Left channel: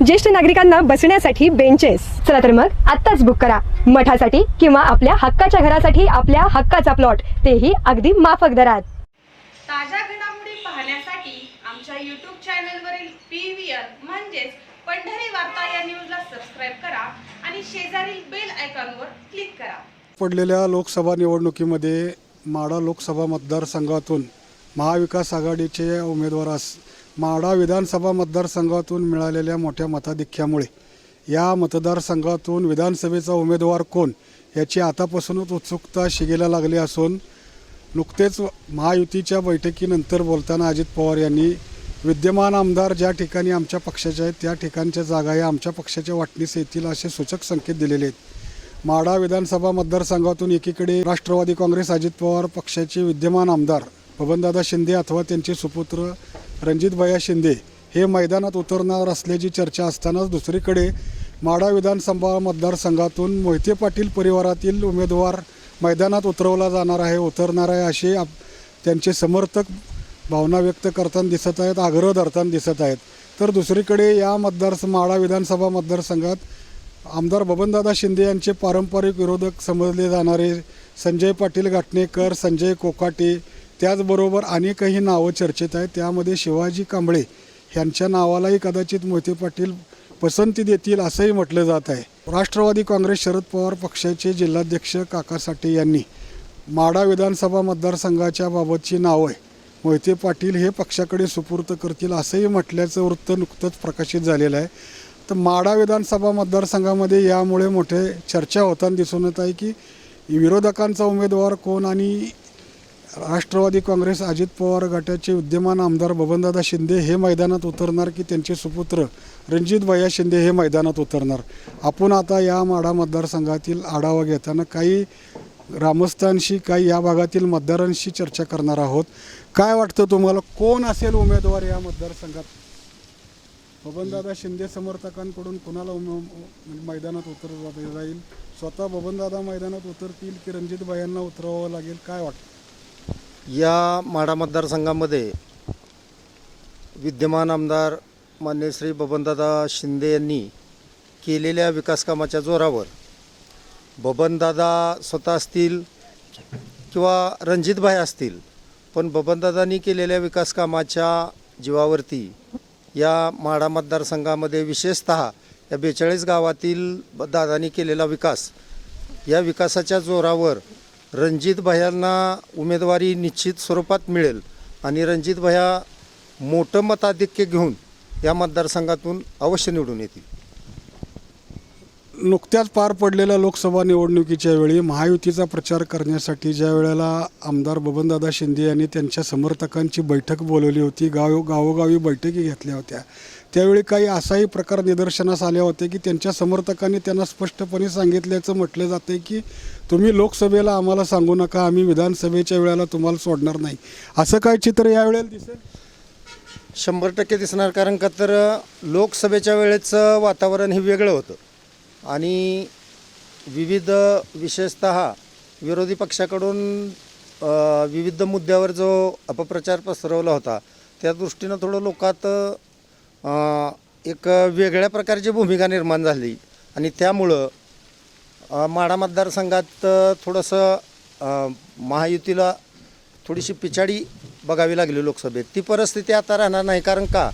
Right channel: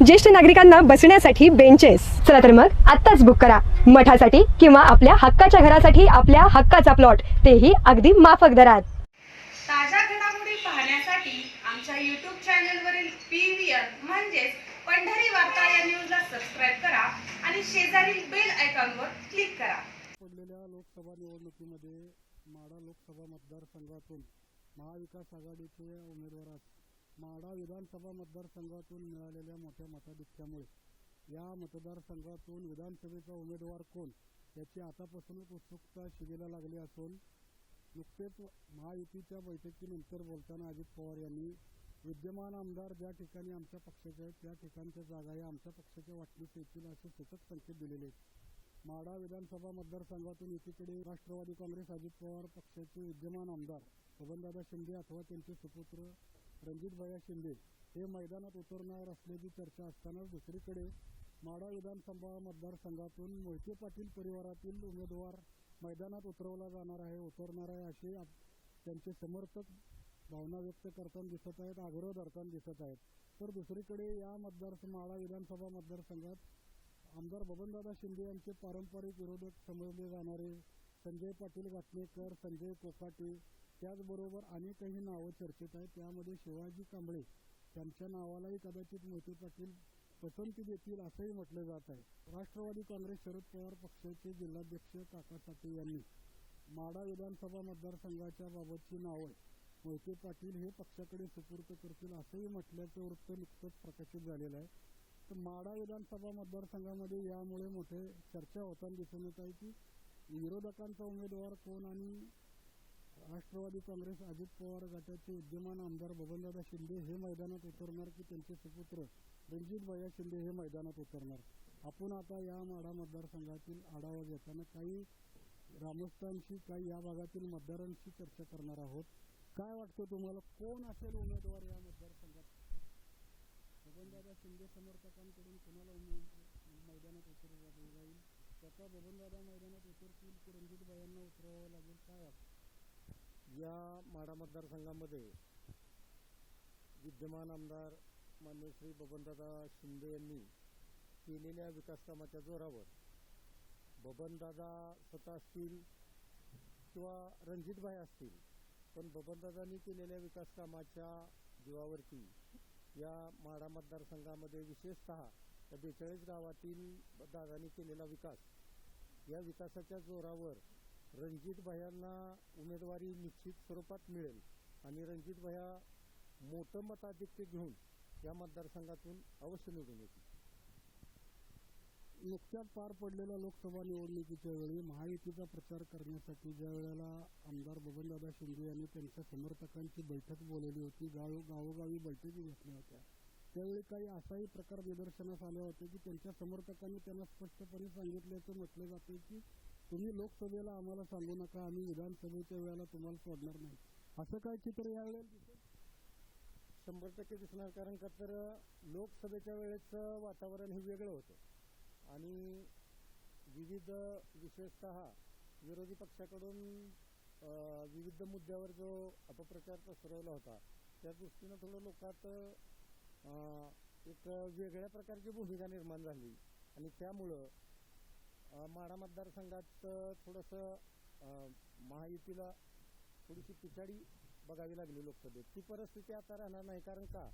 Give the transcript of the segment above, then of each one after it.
ज्येष्ठ नागरिकांना बसण्यासाठी बेंचेस चला तर मग आत्ताच बुक करा. मठासाठी किंवा आपल्या हक्काच्या घरासाठी आपल्या हक्काचा प्लॉट तेही अगदी माफक दरात. ताज्या घडामोडी पाहण्यासाठी आमच्या यूट्यूब चॅनलवरील पी व्ही आर म्हणजेच पंढरी वार्ता या न्यूजला सबस्क्राईब करा आणि शेजारील बेल आयकॉनवर क्लिक करा. पडलेल्या लोकसभा निवडणुकीमध्ये माढा लोकसभा मतदारसंघातून महाविकास आघाडीचे उमेदवारास माडा विधानसभा मतदारसंघातून मिळालेल्या मोठ्या मताधिक्यामुळे या मतदारसंघातून विधानसभेचा उमेदवार कोण याची आतापासूनच उत्सुकता शिगेला लागली असून नुकतेच महायुतीच्या बैठकीनंतर बोलताना अजित पवार यांनी विद्यमान आमदार ज्या ठिकाणी आमच्या पक्षाचे आहेत त्या ठिकाणच्या जागा या आमच्या पक्षाच्या वाटणीस येतील असे सूचक संकेत दिलेले आहेत. माडा विधानसभा मतदारसंघातून एकीकडे राष्ट्रवादी काँग्रेस अजित पवार पक्षाचे विद्यमान आमदार बबनदादा शिंदे अथवा त्यांचे सुपुत्र रणजितभया शिंदे हे मैदानात उतरणार असल्याची चर्चा असतानाच दुसरीकडे माडा विधानसभा मतदारसंघातून मोहिते पाटील परिवारातील उमेदवार मैदानात उतरवला जाणार आहे उतरणार आहे असे आप त्यांचे समर्थक भावना व्यक्त करताना दिसत आहेत आग्रह धरताना दिसत आहेत. तर दुसरीकडे या मतदार माडा विधानसभा मतदारसंघात आमदार बबनदादा शिंदे यांचे पारंपरिक विरोधक समजले जाणारे संजय पाटील घाटणेकर संजय कोकाटे त्याचबरोबर अनेकही नावं चर्चेत आहेत. त्यामध्ये शिवाजी कांबळे यांच्या नावालाही कदाचित मोहिते पाटील पसंती देतील असंही म्हटलं जात आहे. राष्ट्रवादी काँग्रेस शरद पवार पक्षाचे जिल्हाध्यक्ष काका साठे यांनी माडा विधानसभा मतदारसंघाच्या बाबतची नावं मोहिते पाटील हे पक्षाकडे सुपूर्त करतील असंही म्हटल्याचं वृत्त नुकतंच प्रकाशित झालेलं आहे. तर माडा विधानसभा मतदारसंघामध्ये यामुळे मोठे चर्चा होताना दिसून येत आहे की विरोधकांचा उमेदवार कोण आणि राष्ट्रवादी काँग्रेस अजित पवार गटाचे विद्यमान आमदार बबनदादा शिंदे हे मैदानात उतरणार की त्यांचे सुपुत्र रणजित भैया शिंदे हे मैदानात उतरणार? आपण आता या माढा मतदारसंघातील आढावा घेताना काही ग्रामस्थांशी काही या भागातील मतदारांशी चर्चा करणार आहोत. काय वाटतं तुम्हाला? कोण असेल उमेदवार या मतदारसंघात? बबनदादा शिंदे समर्थकांकडून कुणाला उमे- म्हणजे मैदानात उतरवलं जाईल स्वतः बबनदादा मैदानात उतरतील की रणजित भायांना उतरवावं लागेल? काय वाटतं? या माढा मतदारसंघामध्ये विद्यमान आमदार मान्य श्री बबनदादा शिंदे यांनी केलेल्या विकासकामाच्या जोरावर बबनदादा स्वतः असतील किंवा रणजितभाई असतील पण बबनदादांनी केलेल्या विकासकामाच्या जीवावरती या माढा मतदारसंघामध्ये विशेषतः या बेचाळीस गावातील ब- दादांनी केलेला विकास या विकासाच्या जोरावर रणजित भयांना उमेदवारी निश्चित स्वरूपात मिळेल आणि रणजित भया मोठं मताधिक्य घेऊन या मतदारसंघातून अवश्य निवडून येतील. नुकत्याच पार पडलेल्या लोकसभा निवडणुकीच्या वेळी महायुतीचा प्रचार करण्यासाठी ज्या वेळेला आमदार बबनदादा शिंदे यांनी त्यांच्या समर्थकांची बैठक बोलवली होती गाव गावोगावी बैठकी घेतल्या होत्या त्यावेळी काही असाही प्रकार निदर्शनास आले होते की त्यांच्या समर्थकांनी त्यांना स्पष्टपणे सांगितल्याचं म्हटलं जाते की तुम्ही लोकसभेला आम्हाला सांगू नका आम्ही विधानसभेच्या वेळेला तुम्हाला सोडणार नाही. असं काय चित्र यावेळेला दिसेल? शंभर टक्के दिसणार कारण का तर लोकसभेच्या वेळेचं वातावरण हे वेगळं होतं. आणि विविध विशेषत विरोधी पक्षाकडून अ, विविध मुद्द्यावर जो अपप्रचार पसरवला होता त्या दृष्टीनं थोडं लोकात अ, एक वेगळ्या प्रकारची भूमिका निर्माण झाली. आणि त्यामुळं माढा मतदारसंघात थोडंसं महायुतीला थोडीशी पिछाडी बघावी लागली लोकसभेत. ती परिस्थिती आता राहणार नाही. कारण का?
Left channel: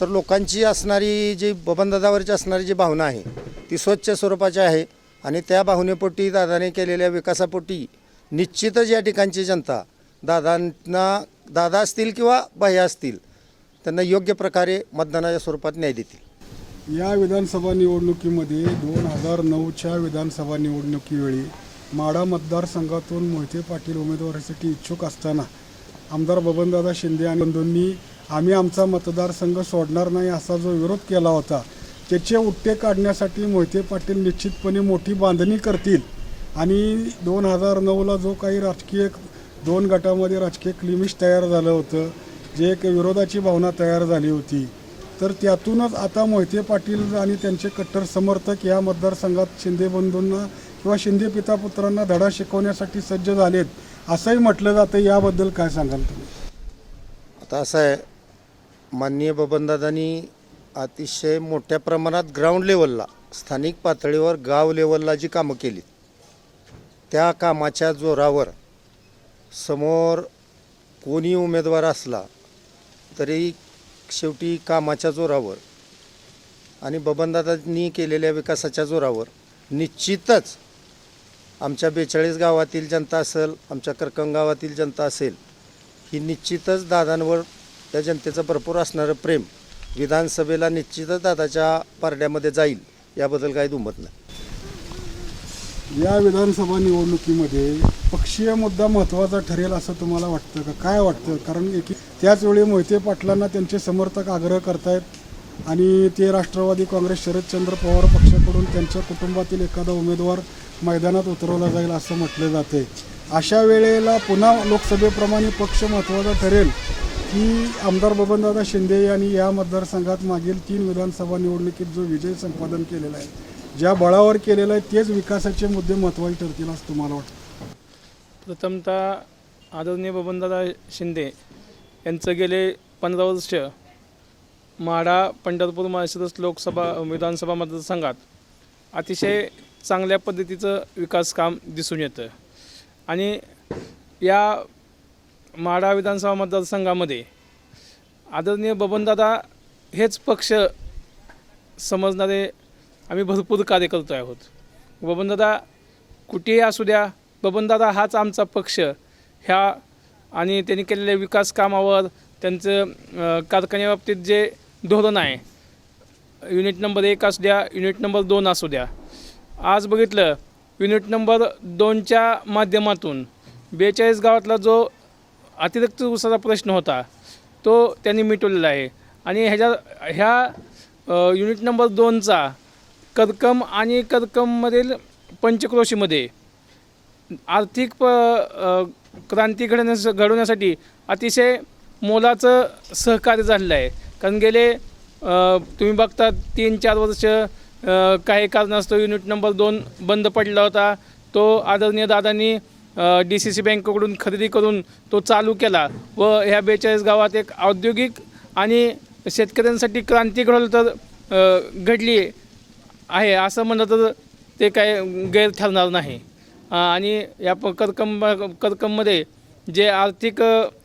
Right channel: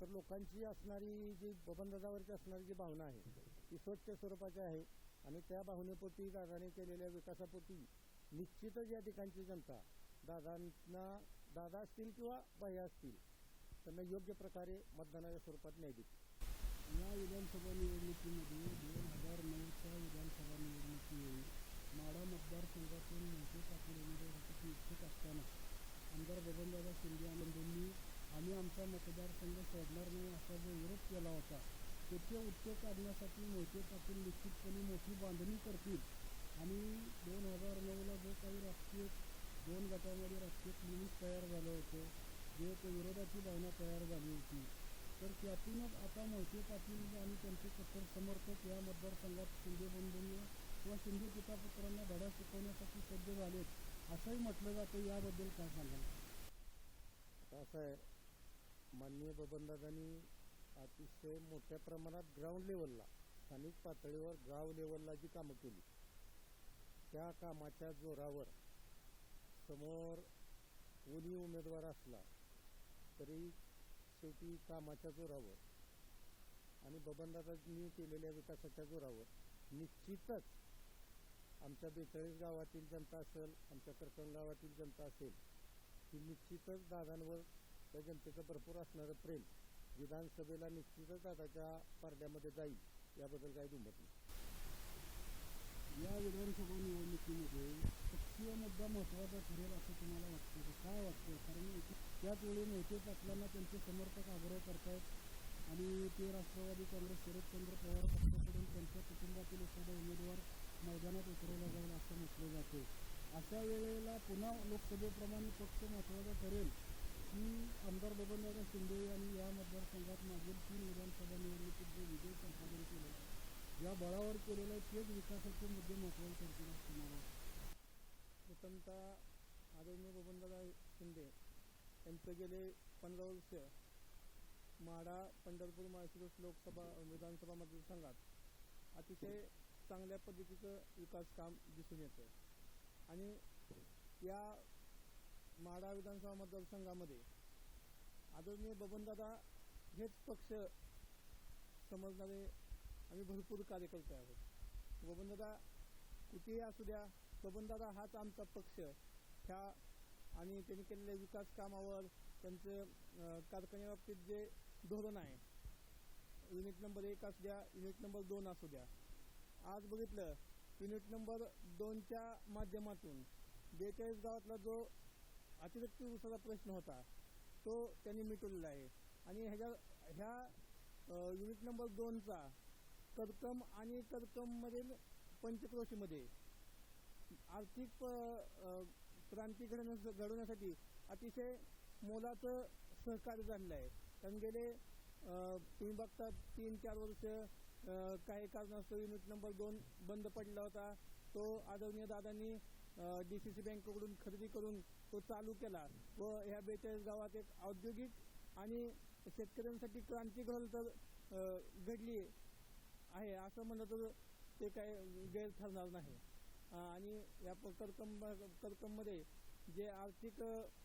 तर लोकांची असणारी जी बबनदादावरची असणारी जी भावना आहे ती स्वच्छ स्वरूपाची आहे आणि त्या भावनेपोटी दादाने केलेल्या विकासापोटी निश्चितच या ठिकाणची जनता दादांना दादा असतील किंवा बाह्या असतील त्यांना योग्य प्रकारे मतदानाच्या स्वरूपात न्याय देतील. या विधानसभा निवडणुकीमध्ये दोन हजार नऊच्या विधानसभा निवडणुकीवेळी माढा मतदारसंघातून मोहिते पाटील उमेदवारीसाठी इच्छुक असताना आमदार बबनदादा शिंदे आणि बंधूंनी आम्ही आमचा मतदारसंघ सोडणार नाही असा जो विरोध केला होता त्याचे उत्ते काढण्यासाठी मोहिते पाटील निश्चितपणे मोठी बांधणी करतील. आणि दोन हजार नऊला जो काही राजकीय दोन गटामध्ये राजकीय क्लिमिश तयार झालं होतं जे एक विरोधाची भावना तयार झाली होती. तर त्यातूनच आता मोहिते पाटील आणि त्यांचे कट्टर समर्थक या मतदारसंघात शिंदे बंधूंना किंवा शिंदे पितापुत्रांना धडा शिकवण्यासाठी सज्ज झालेत असंही म्हटलं जातं. याबद्दल काय सांगाल तुम्ही? आता असं आहे माननीय बबनदादांनी अतिशय मोठ्या प्रमाणात ग्राउंड लेवलला स्थानिक पातळीवर गाव लेवलला जी कामं केली त्या कामाच्या जोरावर समोर कोणी उमेदवार असला तरी शेवटी कामाच्या जोरावर आणि बबनदादांनी केलेल्या विकासाच्या जोरावर निश्चितच आमच्या बेचाळीस गावातील जनता असेल आमच्या करकंग गावातील जनता असेल ही निश्चितच दादांवर त्या जनतेचं भरपूर असणारं प्रेम विधानसभेला निश्चितच दादाच्या पारड्यामध्ये जाईल याबद्दल काही दुमत नाही. या विधानसभा निवडणुकीमध्ये पक्षीय मुद्दा महत्त्वाचा ठरेल असं तुम्हाला वाटतं का? काय वाटतं? कारण की त्याच वेळी मोहिते पाटलांना त्यांचे समर्थक आग्रह करतायत आणि ते राष्ट्रवादी काँग्रेस शरदचंद्र पवार पक्षाकडून त्यांच्या कुटुंबातील एखादा उमेदवार मैदानात उतरवला जाईल असं म्हटलं जाते अशा वेळेला पुन्हा लोकसभेप्रमाणे पक्ष महत्त्वाचा ठरेल की आमदार बबनदादा शिंदे यांनी या मतदारसंघात मागील तीन विधानसभा निवडणुकीत जो विजय संपादन केलेला आहे ज्या बळावर केलेलं आहे तेच विकासाचे मुद्दे महत्त्वाचे ठरतील असं तुम्हाला वाटतं? प्रथमतः आदरणीय बबनदादा शिंदे यांचं गेले पंधरा वर्ष माढा पंढरपूर माळशिरस लोकसभा विधानसभा मतदारसंघात अतिशय चांगल्या पद्धतीचं विकास काम दिसून येतं. आणि या माढा विधानसभा मतदारसंघामध्ये आदरणीय बबनदादा हेच पक्ष समजणारे आम्ही भरपूर कार्यकर्ते आहोत. बबनदादा कुठेही असू द्या बबनदादा हाच आमचा पक्ष. ह्या आणि त्यांनी केलेल्या विकास कामावर त्यांचं कारखान्याबाबतीत जे धोरण आहे युनिट नंबर एक असू द्या युनिट नंबर दोन असू द्या. आज बघितलं युनिट नंबर दोनच्या माध्यमातून बेचाळीस गावातला जो अतिरिक्त उसाचा प्रश्न होता तो त्यांनी मिटवलेला आहे. आणि ह्याच्या ह्या युनिट नंबर दोनचा करकम आणि करकममधील पंचक्रोशीमध्ये आर्थिक प क्रांती घडण्यास घडवण्यासाठी अतिशय मोलाचं सहकार्य झालेलं आहे. कारण गेले तुम्ही बघता तीन चार वर्ष काही कारणास्तव युनिट नंबर दोन बंद पडला होता. तो आदरणीय दादांनी डी सी सी बँकेकडून खरेदी करून तो चालू केला व ह्या बेचाळीस गावात एक औद्योगिक आणि शेतकऱ्यांसाठी क्रांती घडवलं तर घडली आहे. असं म्हणलं तर ते काय गैर ठरणार नाही. आणि या प करकंब करकममध्ये जे आर्थिक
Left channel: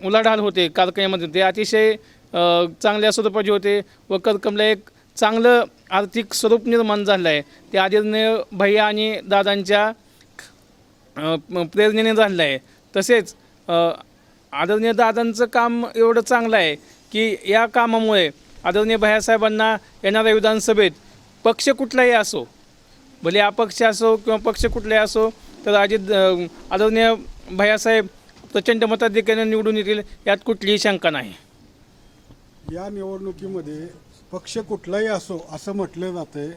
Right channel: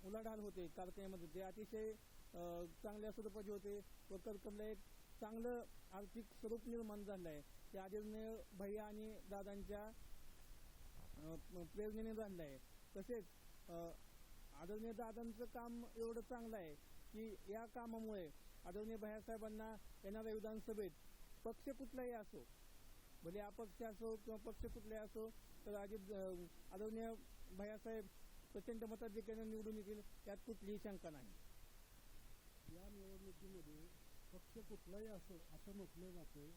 उलाढाल होते कारखान्यामध्ये ते अतिशय चांगल्या स्वरूपाचे होते व करकमला एक चांगलं आर्थिक स्वरूप निर्माण झालं आहे ते आदरणीय भैया आणि दादांच्या प्रेरणेने झालेलं आहे तसेच आदरणीय दादांचं काम एवढं चांगलं आहे की या कामामुळे आदरणीय भैयासाहेबांना येणाऱ्या विधानसभेत पक्ष कुठलाही असो भले अपक्ष असो किंवा पक्ष कुठलाही असो तर अजित आदरणीय भैयासाहेब प्रचंड मताधिक्याने निवडून येतील यात कुठलीही शंका नाही. या निवडणुकीमध्ये पक्ष कुठलाही असो असं म्हटलं जातंय.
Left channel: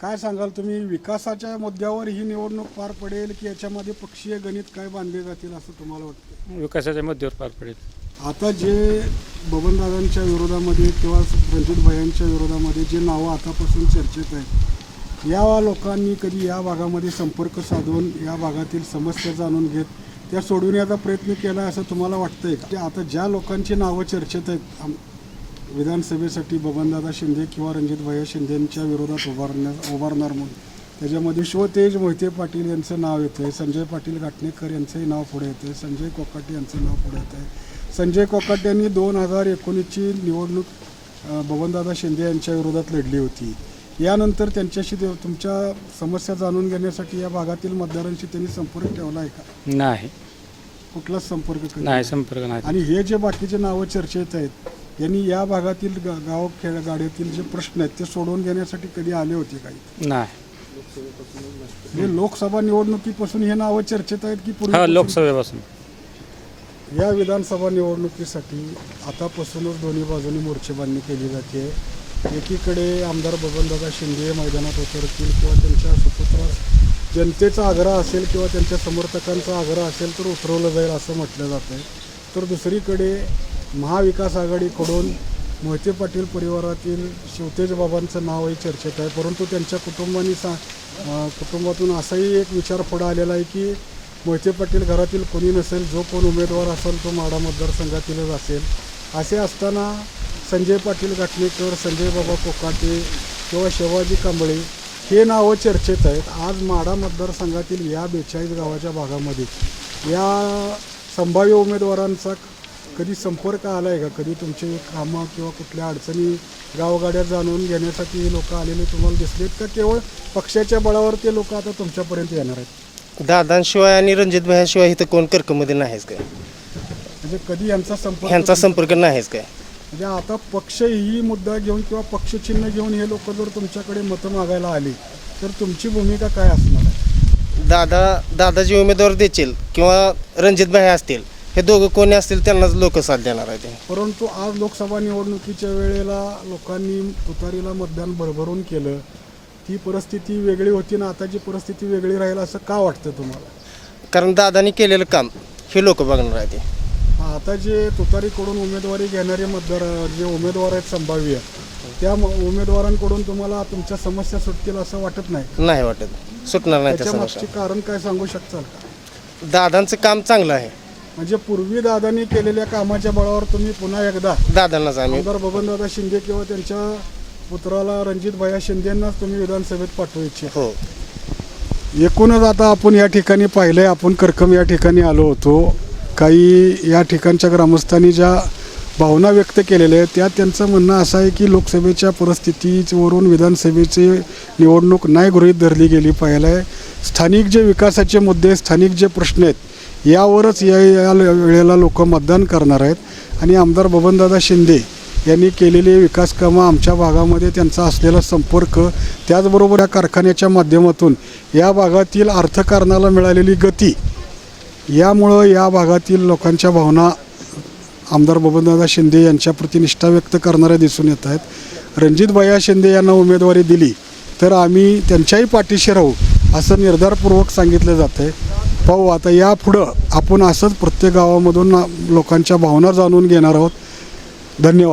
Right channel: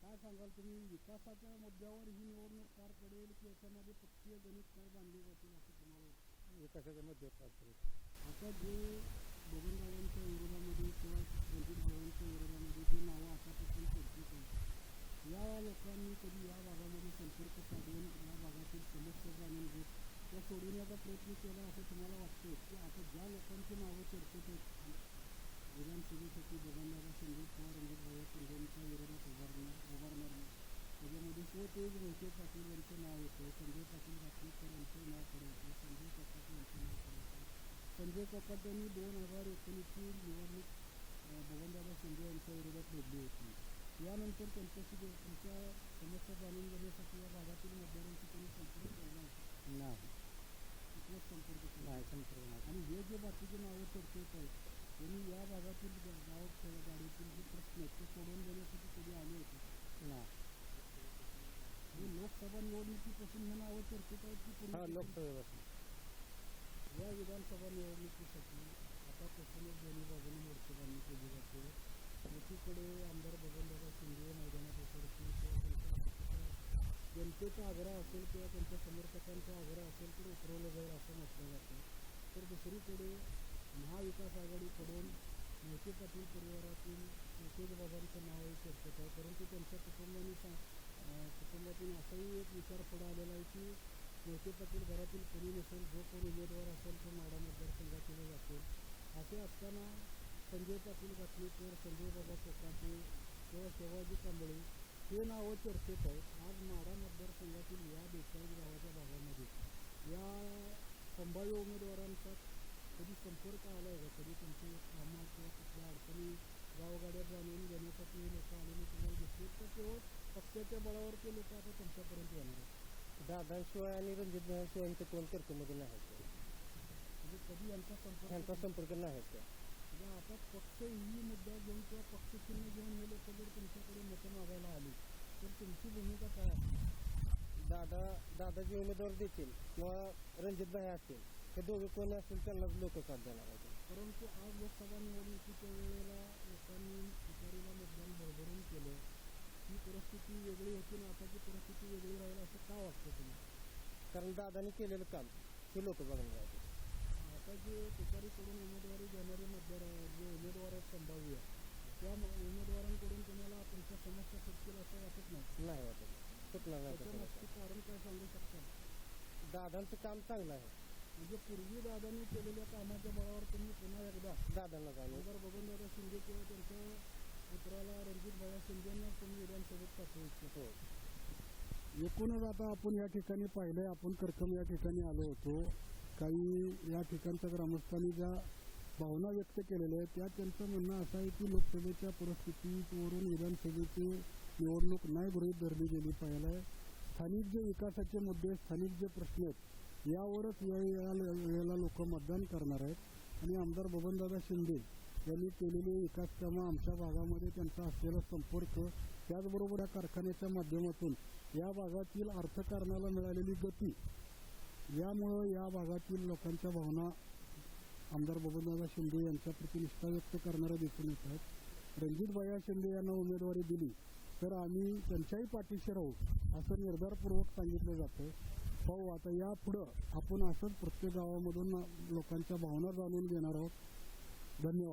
काय सांगाल तुम्ही? विकासाच्या मुद्द्यावर ही निवडणूक पार पडेल की याच्यामध्ये पक्षीय गणित काय बांधले जातील असं तुम्हाला वाटतं विकासाच्या मुद्द्यावर पार पडेल. आता जे बबनदादांच्या विरोधामध्ये किंवा रणजित भयांच्या विरोधामध्ये जे नावं आतापासून चर्चेत आहेत या लोकांनी कधी या भागामध्ये संपर्क साधून या भागातील समस्या जाणून घेत त्या सोडविण्याचा प्रयत्न केला असं तुम्हाला वाटतंय की? आता ज्या लोकांची नावं चर्चेत आहेत विधानसभेसाठी बबनदादा शिंदे किंवा रणजित भैया शिंदेंच्या विरोधात उभारण्या उभारणार म्हणून. त्याच्यामध्ये शिवतेज मोहिते पाटील यांचं नाव येतं आहे संजय पाटील घाटणेकर यांचंही नाव पुढे येतं आहे संजय कोकाटे यांचं नाव पुढे येतं आहे संजय कोकाटे यांनी दोन हजार एकोणीसची निवडणूक बबनदादा शिंदे यांच्या विरोधात लढली होती. यानंतर त्यांच्याशी ते- तुमच्या समस्या जाणून घेण्यासाठी या भागातील मतदारांशी त्यांनी संपर्क ठेवला आहे का? नाही. कुठलाच संपर्क नाही संपर्क नाही. आणि हे जे बाकीचे नावं चर्चेत आहेत यांनी या भागातील गा- गाव खेळ गाड्यातील जे प्रश्न आहेत ते सोडवून घेण्यासाठी कधी आले होते काही? नाही. हे लोकसभा निवडणुकीपासून हे नावं चर्चेत आहेत की हा पूर्वी लोकसभेपासून. या विधानसभा निवडणुकीसाठी आतापासूनच दोन्ही बाजूनी मोर्चेबांधणी केली जाते. एकीकडे आमदार बबनदादा शिंदे मैदानात उतरतील किंवा त्यांच्या सुपुत्रास जनतेचा आग्रह असेल किंवा त्यांच्या समर्थकांचा आग्रह असेल तर उतरवलं जाईल असं म्हटलं जातं तर दुसरीकडे महाविकास आघाडीकडून मोहिते पाटील परिवारातील शिवतेज बाबांचं नावही चर्चेत आहे. परंतु त्यांच्या कुटुंबानी सा कुटुंबातून असाही एक विचार पुढं आलेला आहे की मोहिते पाटील घरातील कोणी नसेल जो कोण उमेदवार असेल तो माडा मतदारसंघातीलच असेल. असे असताना संजय पाटील घाटणेकर संजय बाबा कोकाटे किंवा शिवाजी कांबळे हे नावं चर्चेत आहेत. आज माडा मतदारसंघातील या बेचाळीस गावाच्या भागामध्ये या संभाव्य उमेदवारांचा कधी संपर्क आला आहे का? कधी तुमचे कामं किंवा कुठल्या अडचणी गावगाड्या जाणून घेण्यासाठी हे लोक आलेले तुम्हाला दिसलेत का? केवळ पक्षाच्या बळावर ते लोक आता तुमच्यापर्यंत येणार आहेत. दादांशिवाय आणि रणजित भाईशिवाय इथं कोण कर्कमध्ये नाहीच काय? म्हणजे कधी यांचा संपर्क ह्यांचा संपर्क नाहीच काय? म्हणजे आता पक्ष ही मुद्दा घेऊन किंवा पक्षचिन्ह घेऊन हे लोक जर तुमच्याकडे मतं मागायला आली तर तुमची भूमिका काय असणार आहे? दादा दादा जे उमेदवार देतील किंवा रणजित भाई असतील हे दोघं कोणी असतील त्यांनाच लोक साथ देणार आहे ते. परंतु आज लोकसभा निवडणुकीच्या वेळेला लोकांनी तुतारीला मतदान भरभरून केलं ती परिस्थिती वेगळी होती ना आताची परिस्थिती वेगळी राहील असं का वाटतं तुम्हाला? कारण दादानी केलेलं काम हे लोक बघणार आहे ते. आता जे तुतारीकडून उमेदवारी घेणारे मतदार जे उमेदवार आहेत संभाव्य त्या म- उमेदवारांकडून तुम्हाला तुमच्या समस्या सुटतील असं वाटत नाही? नाही वाटत. सुटणार नाही त्या त्याच्या समस्या. मागचे कारण काय सांगू शकताल? का दादांचं काम चांगलं आहे. म्हणजे पूर्वी दादांनी केलेल्या कामाच्या बळावर तुम्ही पुन्हा एकदा दादांनाच आम्ही आमदार बबनदादा शिंदे किंवा त्यांच्या पुत्राला रणजित भैया शिंदेंनाच तुम्ही विधानसभेत पाठवू इच्छिता. हो. एकूणच आता आपण या ठिकाणी पाहिलंय आपण करकम या ठिकाणी आलो होतो. काही या ठिकाणच्या ग्रामस्थांनी ज्या भावना व्यक्त केलेल्या आहेत त्या त्यांचं म्हणणं असं आहे की लोकसभेच्या परिस्थितीवरून विधानसभेची निवडणूक नाही गृहीत धरली गेली पाहिलं आहे स्थानिक जे विकासाचे मुद्दे स्थानिक जे प्रश्न आहेत यावरच या या वेळेला लोक मतदान करणार आहेत. आणि आमदार बबनदादा शिंदे यांनी केलेली विकास कामं आमच्या भागामध्ये त्यांचा असलेला संपर्क त्याचबरोबर या कारखान्याच्या माध्यमातून या भागातील अर्थकारणाला मिळालेली गती यामुळं या भागातील लोकांच्या भावना आमदार बबनदादा शिंदे यांच्याप्रती निष्ठा व्यक्त करणाऱ्या दिसून येत आहेत. रणजित भैया शिंदे यांना उमेदवारी दिली तर आम्ही त्यांच्याही पाठीशी राहू असं निर्धारपूर्वक सांगितलं जातं आहे पाहू आता यापुढं आपण असंच प्रत्येक गावामधून लोकांच्या भावना जाणून घेणार आहोत. धन्यवाद.